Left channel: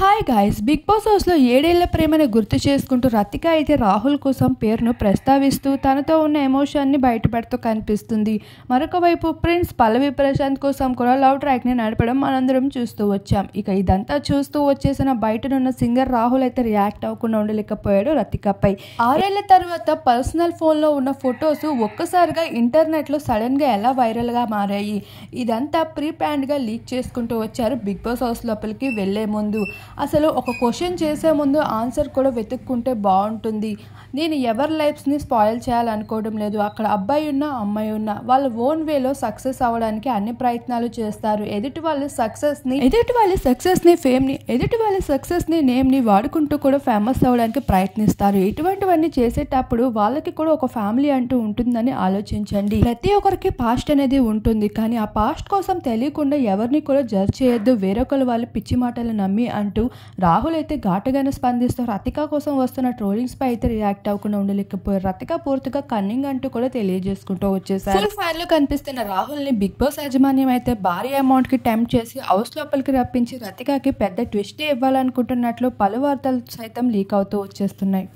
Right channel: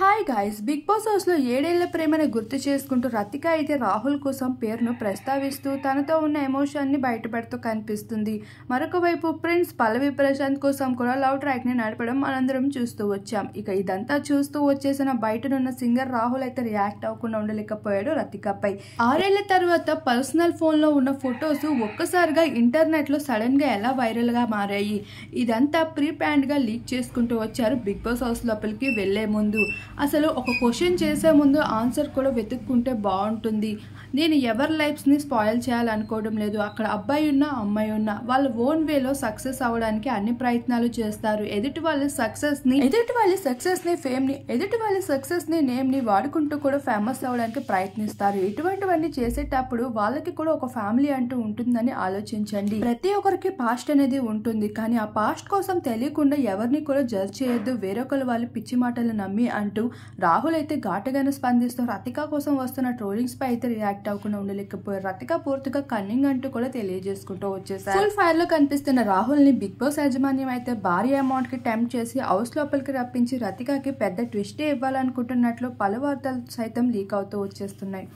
Hi guys, big boss హౌస్లో 7 ఏళ్ల ప్రేమను గుర్తు చేసుకుంటూ రతిక అయితే రాహుల్ కోసం పేరును ప్రస్తావిస్తూ తనతో ఉన్న ఎమోషన్ని బయటపెడుతూ కనిపిస్తుంది. మరొక వైపు ప్రిన్స్ పల్లవి ప్రశాంత్ కోసం కూడా లవ్ ట్రాక్ని నడపడం మనందరం చూస్తూ వచ్చాం. ఇక ఇదంతా చూస్తూ వచ్చేసిన బయటనున్న సింగర్ రాహుల్ అయితే రియాక్ట్ అవ్వకుండా ఉండలేకపోయాడు రతికపై. 6 ఏళ్ల తర్వాత పర్సనల్ ఫోన్లో ఉన్న ఫొటోస్ ఒక్కసారిగా ఇంటర్నెట్లో సడన్గా ఎలా వైరల్గా మారాయి. ఇదంతా ప్రీ ప్లాన్డ్గా లీక్ చేసుకుంటూ వచ్చారు బిగ్ బాస్ హౌస్ లోపలికి వెళ్లే ముందు. అసలు ఒక క్వశ్చన్ చేసే ముందు ఆన్సర్ కూడా వెతుక్కుంటే బాగుంటుంది. నేను ఎవరి లైఫ్స్ని స్పాయిల్ చేయాలనుకోవడం లేదు. అక్కడ అబ్బాయి ఉన్నా అమ్మాయి ఉన్నా వాళ్ళ ఓన్ వేలో సక్సెస్ అవ్వడానికి అన్ని ప్రయత్నాలు చేస్తారు. ఎదుటి వాళ్ళ సక్సెస్ని ఫేమ్ని, ఎదుటి వాళ్ళ సక్సెస్ని నేమ్ని వాడుకుంటూ కూడా ఫేమస్ అవ్వడానికి ప్రయత్నిస్తారు. ఇటువంటివన్నీ చేసేటప్పుడు వాళ్ళకి కూడా ఒక ఫ్యామిలీ అంటూ ఉంటుందని ఆలోచించండి. ప్రతి ఒక్కరికి పాస్ట్ అనేది ఉంటుంది, కానీ ఆ పాస్ట్ కోసం తెలియకుండా ఎవరిని కూడా జడ్జ్ చేయొద్దు. వేరొకరు వాళ్ళ పిచ్చి మాటలు నమ్మి అంటూ రాహుల్ అయితే ఘాటుగానే స్పందిస్తూ రతిక కోసం వస్తున్న ట్రోలింగ్స్ పై అయితే రియాక్ట్ అవ్వకుండా ఉండలేకపోయారు. రతిక పూర్తిగా కన్నింగ్ అంటూ కూడా తెలియజేసుకుంటూ వచ్చేసారు. ఫుల్ ఫైర్ లో కనిపిస్తున్న రాహుల్ ని బిగ్ బాస్ యాజమాన్యం అయితే భారీ అమౌంట్ కి టెంప్ట్ చేసి హౌస్ లోపలికి రప్పించి రతికకి పెద్ద ట్విస్ట్ ఇవ్వాలనుకుంటున్నట్లు పలు వార్తలు సైతం లీక్ అవుతూ వచ్చేస్తున్నాయి.